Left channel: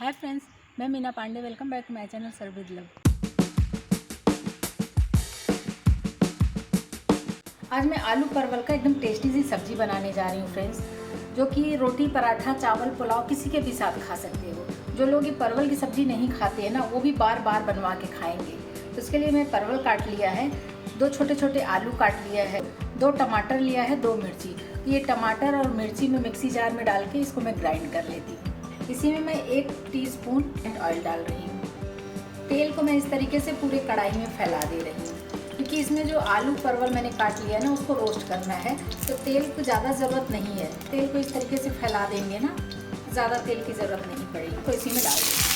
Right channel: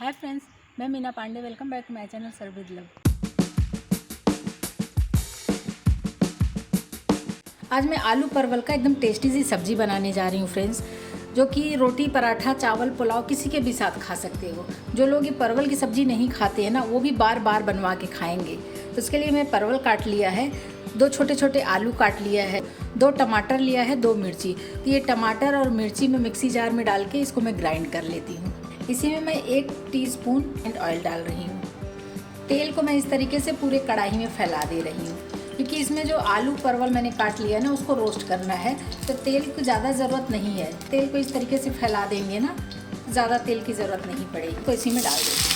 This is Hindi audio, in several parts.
हाय फ्रेंड्स, मैं Meena Pandey. Welcome back to my channel serve with love. आज मैं आलू परवल का एकदम टेस्टी सी सब्जी बनाने जा रही हूँ फ्रेंड्स, जो कि रोटी, पराठा, चावल, पुलाव किसी के भी साथ खा सकते हो। जो लोग ये परवल की सब्जी नहीं खाते हैं ना, वो भी बार बार बनवा के खाएंगे। तो इसके लिए मैं परवल काट लिया है, 2 छोटे छोटे आलू काट लिया है, 2 टमाटर लिया है, 2 मिर्ची। तो ये टमाटर और मिर्ची में मिक्सी जार में डाल के इसको मैं ग्राइंड कर लेती हूँ। इसी में मैं 1 टीस्पून ऑयल डाल रही हूँ। तेल को मैं इस तरीके से पूरे कढ़ाई में फैला दे रही हूँ, क्योंकि इसमें जो आलू परवल मैंने काट लिया है ना, उसको रोस्ट करना है। तो तेल की ज़्यादा ज़रूरत नहीं है। तेल को इस तरीके से फैला देंगे ना, ज़्यादा तेल की ज़रूरत नहीं पड़ेगी। तो इसी में डाल देंगे।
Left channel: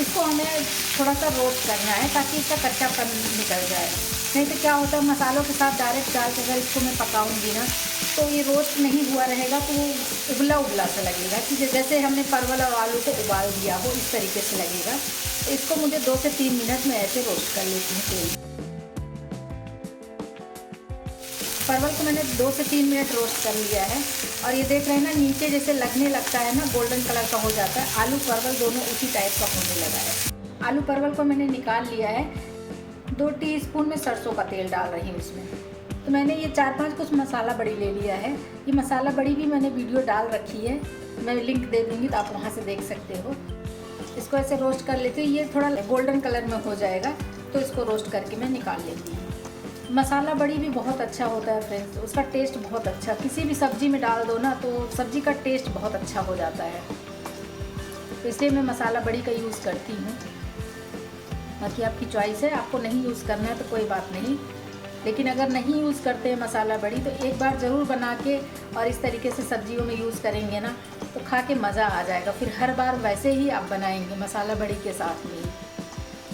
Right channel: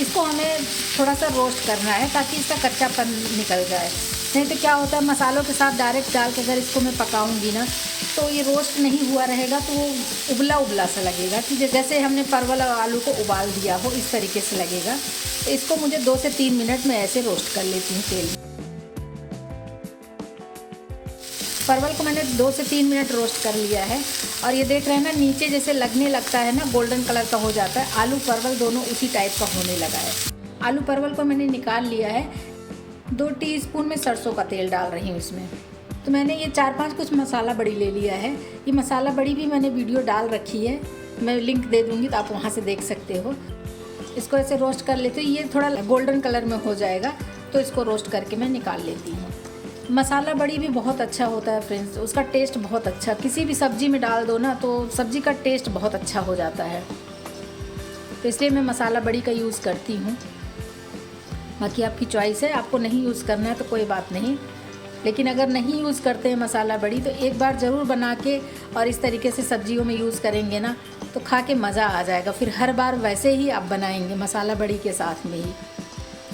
इसको हमें थोड़ा सा रोस्ट करना है ताकि इसका कच्चापन निकल जाए। नहीं तो क्या होता है, मसालों के साथ डायरेक्ट डाल के अगर इसको मैं पकाऊंगी ना, तो ये रोस्ट नहीं हुआ रहेगा, तो वो उबला उबला सा लगेगा कि जैसे हमने परवल और आलू को उबाल दिया हो, इस तरीके से लगेगा। तो इसको मुझे 2 से 3 मिनट में ऐसे रोस्ट कर लेती हूँ तेल में। परवल को मैंने 2 से 3 मिनट रोस्ट कर लिया है, और ये देख रहे हैं ना, नीचे जैसे लगने लगता है ना, गोल्डन कलर का हो जाता है। आलू परवल दोनों उसी टाइप का होने लगा है। आलू परवल को मैंने निकाल लिया है। 2 टीस्पून में सरसों का तेल डाल रही हूँ इसमें। तो मैंने ये 4-5 कुछ मसाला बड़ी ले लिया है। ये मसाला बड़ी भी मैंने वीडियो डाल रखी है, मैं लिंक दे दूँगी तो आप वहाँ से देख सकते हो। इसको ऐसे रोस्ट कर लेते हैं। ये थोड़ा गोल्डन कलर में हो जाएगा तो इसको रोस्ट करके मैं निकाल लेती हूँ। मसाला बड़ी भी बहुत अच्छा होता है फ्रेंड्स, उसका टेस्ट बहुत अच्छा, किसी भी सब्जी में डाल दो ना तो सब्जी का टेस्ट बहुत अच्छा हो जाता है। तो इसलिए मैं मसाला बड़ी का यूज़ करती हूँ। बाकी आपकी चॉइस है, आपको नहीं यूज़ करना है तो कोई बात नहीं। लेकिन अगर नहीं यूज़ करते हैं मसाला बड़ी, तो एक बार ज़रूर बना के और इस तरीके से सब्जियों में यूज़ करेंगे ना, तो खा के मज़ा आ जाएगा। फिर हर बार वैसे ही आप बनाएंगे मसाला बड़ी के साथ में ही।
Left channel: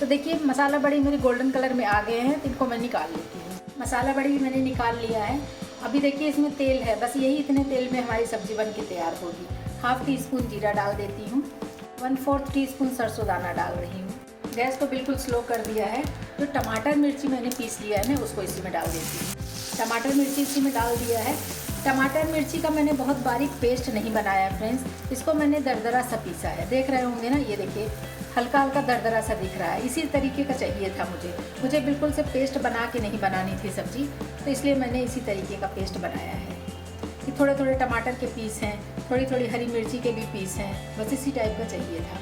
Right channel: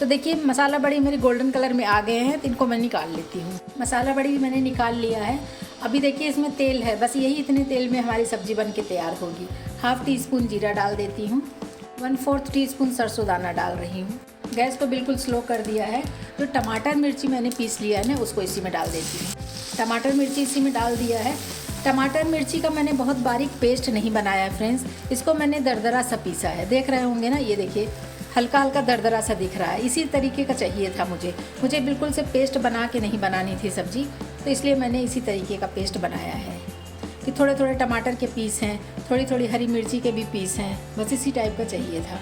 तो देखिए, मसाला बड़ी मेरी गोल्डन कलर में आ गए हैं, तो इनको मैं निकाल लेती हूँ। मसाला बड़ी भी मैंने निकाल लिया है। अभी देखिए इसमें तेल है, बस यही इतने तेल में हमारी सब्जी बन के तैयार होगी। 1/2 टीस्पून जीरा डाल देती हूँ। 1/4 टीस्पून सरसों दाना डाल रही हूँ। गैस को बिल्कुल स्लो कर दिया है। जो टमाटर मिर्ची मैंने पीस लिया है ना, उसको इसी में डाल देती हूँ। टमाटर मिर्ची इसी में डाल दिया है। टमाटर मिर्ची का मैंने बहुत बारीक पेस्ट नहीं बनाया है फ्रेंड्स, इसको मैंने दरदरा सा पीसा है। देख रहे होंगे ना, ये देखिए हल्का हल्का दरदरा सा दिख रहा है। इसी तरीके का चाहिए था मुझे बिल्कुल से पेस्ट बना के नहीं बनानी थी सब्जी, तो इसलिए मैंने इसी तरीके का पेस्ट बनाया है। कि थोड़े थोड़े टमाटर के पीस हैं, थोड़ी थोड़ी हरी मिर्ची के भी पीस हैं, बस इसी टाइप का चाहिए था।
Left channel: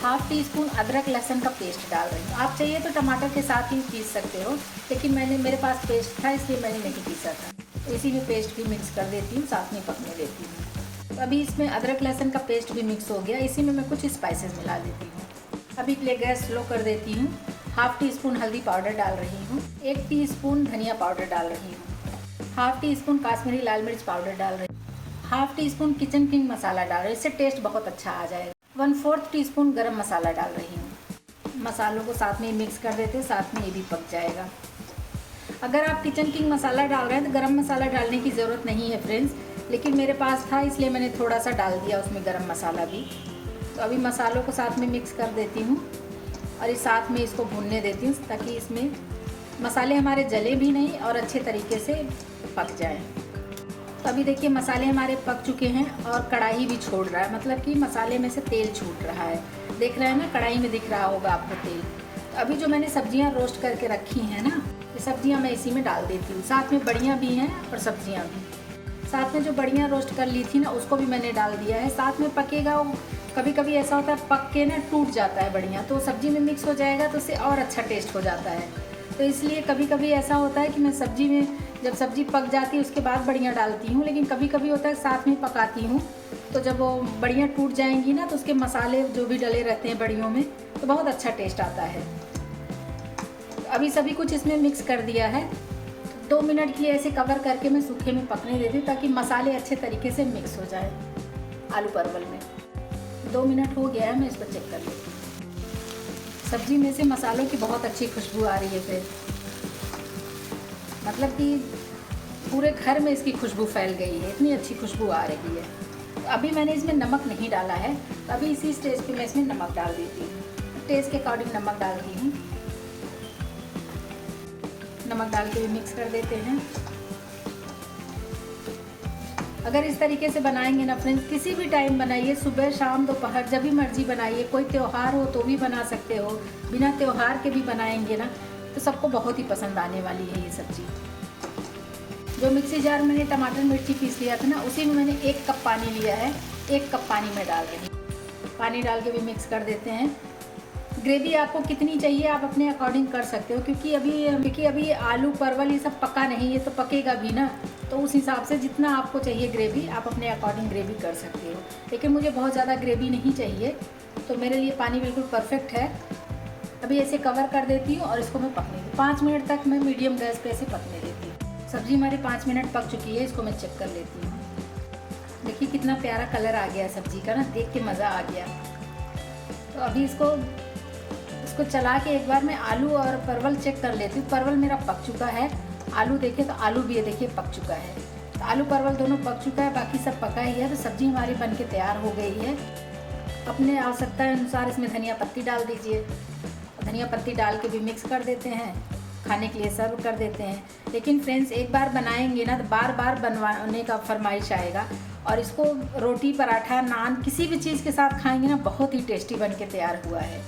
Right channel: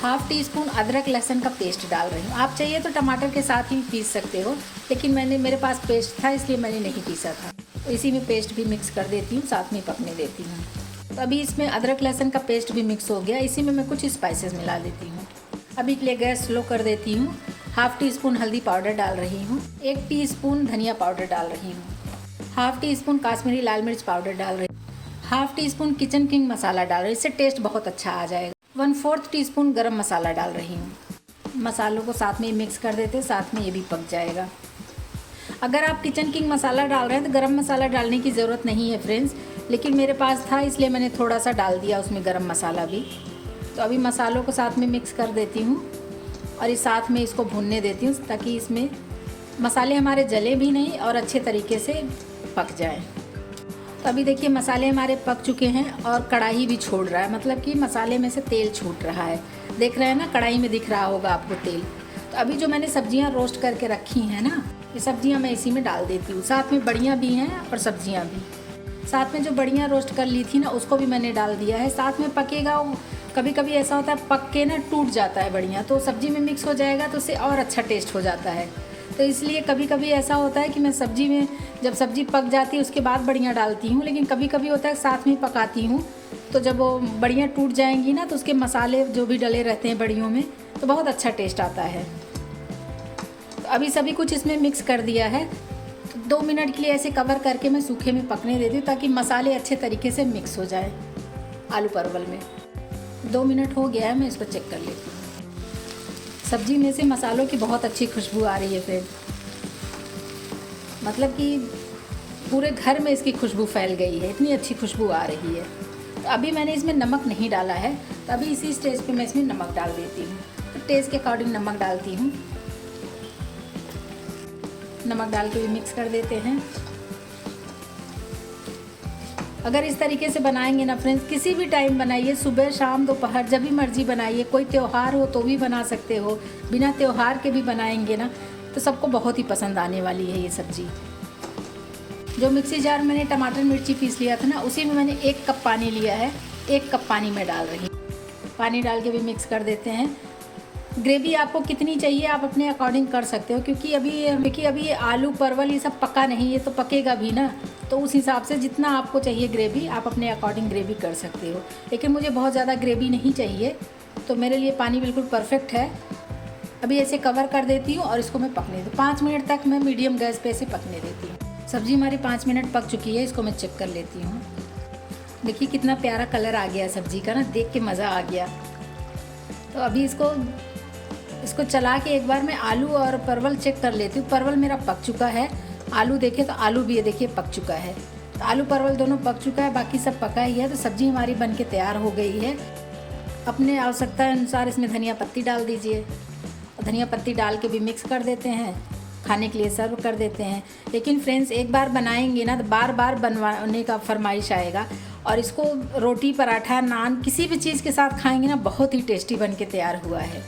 1/2 टीस्पून अदरक लहसुन का पेस्ट डाल रही हूँ। आप चाहिए तो टमाटर के साथ ही पीस सकते हो, लेकिन मेरे पास पेस्ट था इसलिए मैंने नहीं पीसा था। तो इसी में पेस्ट भी मिक्स कर देती हूँ, साथ में पकने देती हूँ। तो अभी इसमें अदरक लहसुन का पेस्ट भी मिक्स हो गया। इसी में मैं कुछ स्पाइसेस मिला देती हूँ। अभी के लिए गैस स्लो कर देती हूँ। 1/2 टीस्पून हल्दी पाउडर डाल रही हूँ। 1 टीस्पून धनिया पाउडर डाल रही हूँ। 1/2 टीस्पून काश्मीरी लाल मिर्च पाउडर डाल रही हूँ। 1/2 टीस्पून किचन किंग मसाला डाल रही हूँ, इससे टेस्ट बहुत अच्छा आ जाएगा। 1/4 टीस्पून गरम मसाला डाल रही हूँ। मसालों को साथ में मिक्स कर देते, साथ में ये भी पक जाएगा। अगर आप किचन किंग मसाला डाल रहे हैं तो गरम मसाला डालने की ज़रूरत नहीं है फ्रेंड्स, लेकिन मेरे पास था इसलिए मैंने थोड़ा सा डाल दिया उसमें गरम मसाला भी। तो अभी मसालों को साथ में मिक्स कर देती हूँ और इस साथ में इसको भूनने देती हूँ, ताकि इसमें मसाले हमारे जले भी नहीं और अच्छे तरीके से पक जाएँ। तो अभी देखिए मसाले हमारे पक चुके हैं और कढ़ाई भी छोड़ रहा है, मतलब कि मसाले में से तेल छूट रहा है। देख रहे हैं ना, कढ़ाई में दिख रहा होगा आपको तेल। तो अभी जो मैंने सब्जियां रोस्ट करके रखी हैं ना, ये सब्जियां मैं इसी में डाल देती हूँ। साथ में बड़ियाँ भी हैं और सब्जियां भी। साथ में जो बड़ियाँ रोस्ट कर ली थी ना, उसको भी मैंने डाल दिया है। साथ में पकेगा। कभी कभी ऐसा होता है पक के ना टूट जाता है बड़ियाँ, तो सब्जी में मिक्स हो जाएगा तो उससे और अच्छा टेस्ट हो जाता है। तो इसलिए कभी कभी ऐसा होता है कि मैं सब्जी में, जब सब्जी पक जाती है उसके बाद बड़ियाँ डालती हूँ, लेकिन कभी कभी होता है साथ में पकाती हूँ। तो जब वो बड़ियाँ टूट जाएंगी ना, तो उसके मसाले जो भी डले रहते हैं बड़ियों में, तो बहुत अच्छा टेस्ट आता है। तो अभी सभी कुछ इसमें मिक्स कर दिया है। तो 2 मिनट के लिए ऐसे कवर करके मैं सूखे में पकने देती हूँ, ताकि मसाले अच्छे तरीके से मिक्स हो जाए आलू परवल में। 2 मिनट हो गया है, मैं इसको चेक कर लेती हूँ। सब्जी में से मसालों की बहुत अच्छी खुशबू आ रही है फिर, मतलब कि पूरे घर में इसकी खुशबू फैल गई है, इतनी अच्छी खुशबू आ रही है। तो अभी मैंने इसमें नमक नहीं डाला है, तो अभी इसी स्टेज पे मैं इसमें नमक डाल देती हूँ। टेस्ट के अकॉर्डिंग नमक डालती हूँ। नमक डाल के भी मिक्स कर देते हैं। अगर इस तरीके से बनाएंगे ना फ्रेंड्स, किसी भी टाइम बनाइए, सुबह शाम दोपहर जब भी मर्जी बनाइए, कोई त्यौहार हो तो भी बना सकते हो, बिना त्यौहार के भी बनाएंगे ना तो सबको बहुत ही पसंद आने वाली है ये सब्ज़ी। जो मिक्सी जार मैंने टमाटर मिर्ची पीस लिया था ना, उसी में मैंने 1 कप पानी लिया है, 1 कप पानी में डाल रही हूँ। पानी डाल के भी मिक्स कर देते हैं। ग्रेवी आपको कितनी चाहिए आप अपने अकॉर्डिंग कर सकते हो, क्योंकि अभी आलू परवल ये सब पका नहीं, ये तो पकेगा भी ना, तो उस हिसाब से जितना आपको चाहिए ग्रेवी आप अपने अकॉर्डिंग ग्रेवी कर सकते हो। लेकिन मुझे बहुत ज़्यादा ग्रेवी नहीं चाहिए, तो मेरे लिए पानी बिल्कुल परफेक्ट है। अभी ऐसे कवर कर देती हूँ और इसको मैं पकने दूँ 5 मिनट तक। मैं मीडियम गैस पे इसे पकने देती हूँ। सब्ज़ी हमारी 5 मिनट पक चुकी है, इसको मैं चेक कर लेती हूँ। देखिए कितना प्यारा कलर आ गया सब्ज़ी का ना, देख के मज़ा आ गया। तो अभी इसको चला के एक बार मैं आलू और परवल चेक कर लेती हूँ। परवल मेरा पक चुका है, आलू देखिए तो आलू भी ये देखिए पक चुका है। तो आलू परवल दोनों पक चुका है, बाकी सब पका ही है। तो सब्ज़ी हमारी बन के तैयार हो गई है। अपने आवश्यकता अनुसार इसमें धनिया पत्ती डाल दीजिए। धनिया पत्ती डाल के भी मिक्स कर देते हैं, खाने के लिए सर्व कर देते हैं। लेकिन फ्रेंड्स एक बार बनाएंगे ना तो बार बार बनवाने का फरमाइश आएगा, और इसको रोटी पराठा नान किसी भी चीज़ के साथ खाएंगे ना, बहुत ही टेस्टी बन के तैयार हुआ है।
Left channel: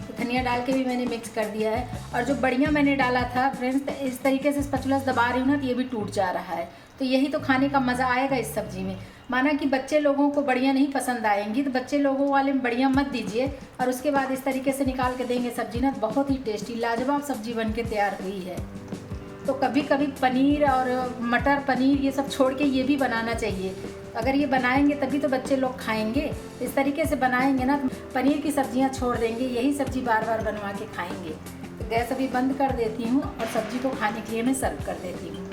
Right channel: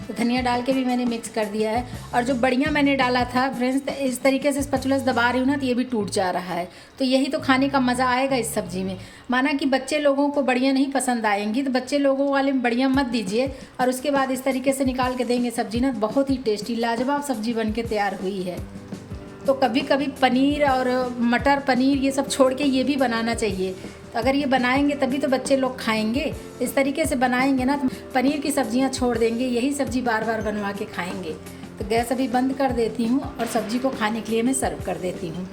तो धनिया डाल के भी मैंने मिक्स कर दिया है। और जो बढ़िया मैंने डाला था फ्रेंड्स, तो इस तरीके से स्पैचुला से दबा रही हूँ ना तो ये भी टूट जा रहा है। तो यही तो खाने का मज़ा आएगा इस सब्ज़ी में। माना कि बच्चे लोगों को बढ़िया नहीं पसंद आएंगी तो बच्चे लोगों वाले में बढ़िया मत दीजिए, और उसके बाद इस तरीके से निकाल के देंगे सब्ज़ी ना, बहुत ही टेस्टी लाजवाब सब्ज़ी बन के तैयार हुई है। तो कभी कभी पनीर और मटर पनीर ये सब छोड़ के ये भी बनाना चाहिए। तो अगर ये बनाएंगे तभी तो बच्चे लोग खाएंगे। इस तरीके से बनाएंगे ना तो पनीर की सब्जियां छोड़ देंगे, यही सब्ज़ी बार बार बनवा के खाएंगे। तो गैस अभी बंद कर देती हूँ और सब्ज़ी को खाने के लिए मैं सर्व कर देती हूँ।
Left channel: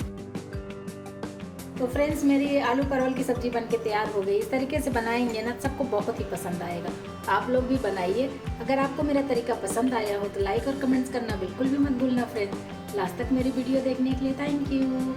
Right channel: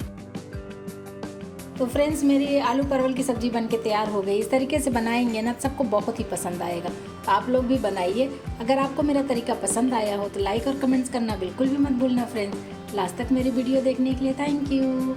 तो फ्रेंड्स मेरी आलू परवल की सब्ज़ी बन के तैयार हो गई। इस तरीके से बनाएंगे ना सबको बहुत ही पसंद आएगा। आप लोग भी बनाइए। अगर आपको मेरा तरीका पसंद आया हो तो लाइक और कमेंट्स करना बिल्कुल भी मत भूलना फ्रेंड्स। लास्ट तक मेरी वीडियो देखने के लिए थैंक यू।